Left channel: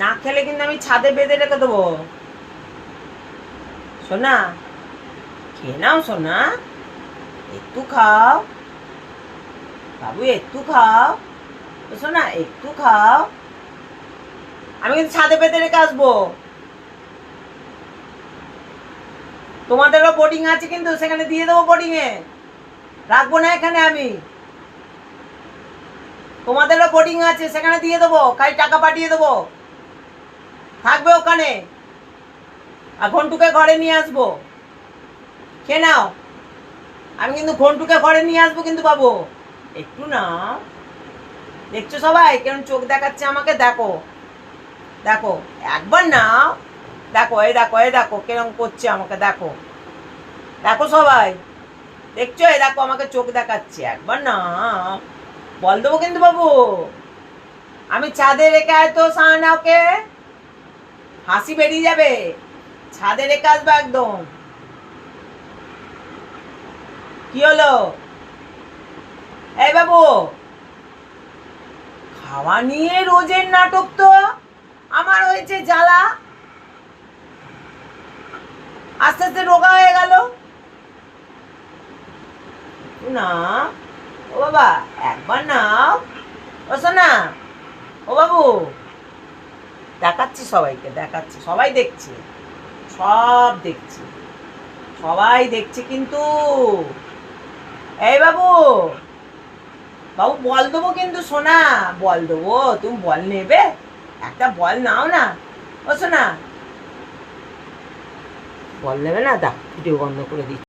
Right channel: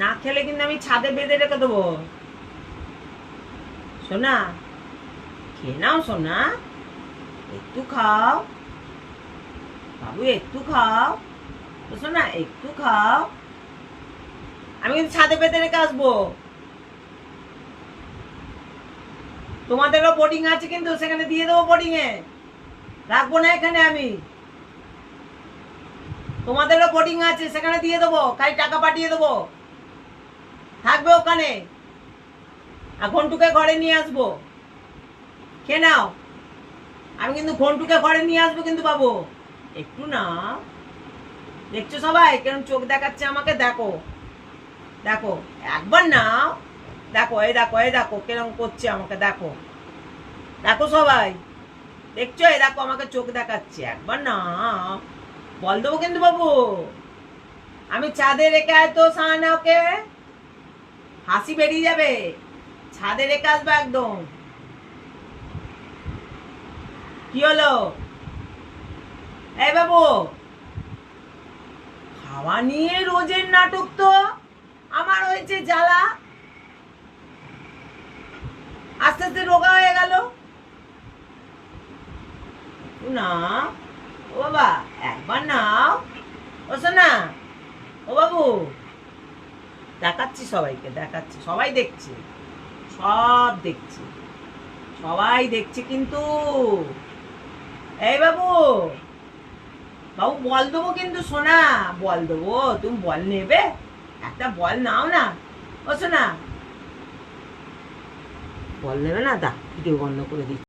না খেলে কিন্তু আমি ছাদে বেঁধে রেখে দেবো। সোনা, খেয়ে নাও সোনা, একটু খাও বাবু, একটু খাও। সোনা একটু খাও, আমি কিন্তু ছাদে বেঁধে রেখে আসবো। তোমাদেরও বোর্ডিং আছে কিন্তু, সেখানে দিয়ে দেবো, বোর্ডিং এ রাখবো না এখানে আমি। তোমাদেরও বোর্ডিং আছে, সেখানে দিয়ে দেবো, খালি টাকা পাঠিয়ে দেবো, থাকবে ওখানে। আর ঘন্টুকে ঘরে নিয়ে আসবো, খেয়ে নাও। আমি কিন্তু ঘন্টুকে ঘরে নিয়ে আসবো কিন্তু বাবু, একটু না। দেখছো সবাই কেমন চোখ দেখাচ্ছে আমাকে? দেখো দেখো, একবার না, দেখো এই দেখো, এই দেখো কেরম করছে আমাকে, দেখো দেখো সবাই, দেখছো? এই দেখো আমাকে চোখ দেখাচ্ছে, একবার না। বল দেবো কিন্তু বাবু। আমি ছাদে রেখে আয় তো সাহানা, ওকে হাসি বেরিয়ে যাবে। ছাদে রেখে আসবো একদম। কি হলো এই বাবু? খাওয়া নিয়ে রোজের নাটক তো আমার হয়েছে জ্বালা, আস্তে আস্তে রোগা হয়ে গেল না। ও বাবা, একবার নাও। ও সোনা, ও বাবু, দেখাচ্ছি সবাইকে, দেখাচ্ছি, সবাই দেখছে, সব দেখছে, সবাই দেখছে কিন্তু। এই বাবু, বাবু বল দেবো কিন্তু সোনা, বল দেবো, তুমি বল নেবে? একটা বল নাও না। ও সোনা, বল নেবে না? দা ভিডিও বন্ধ করে দিচ্ছি।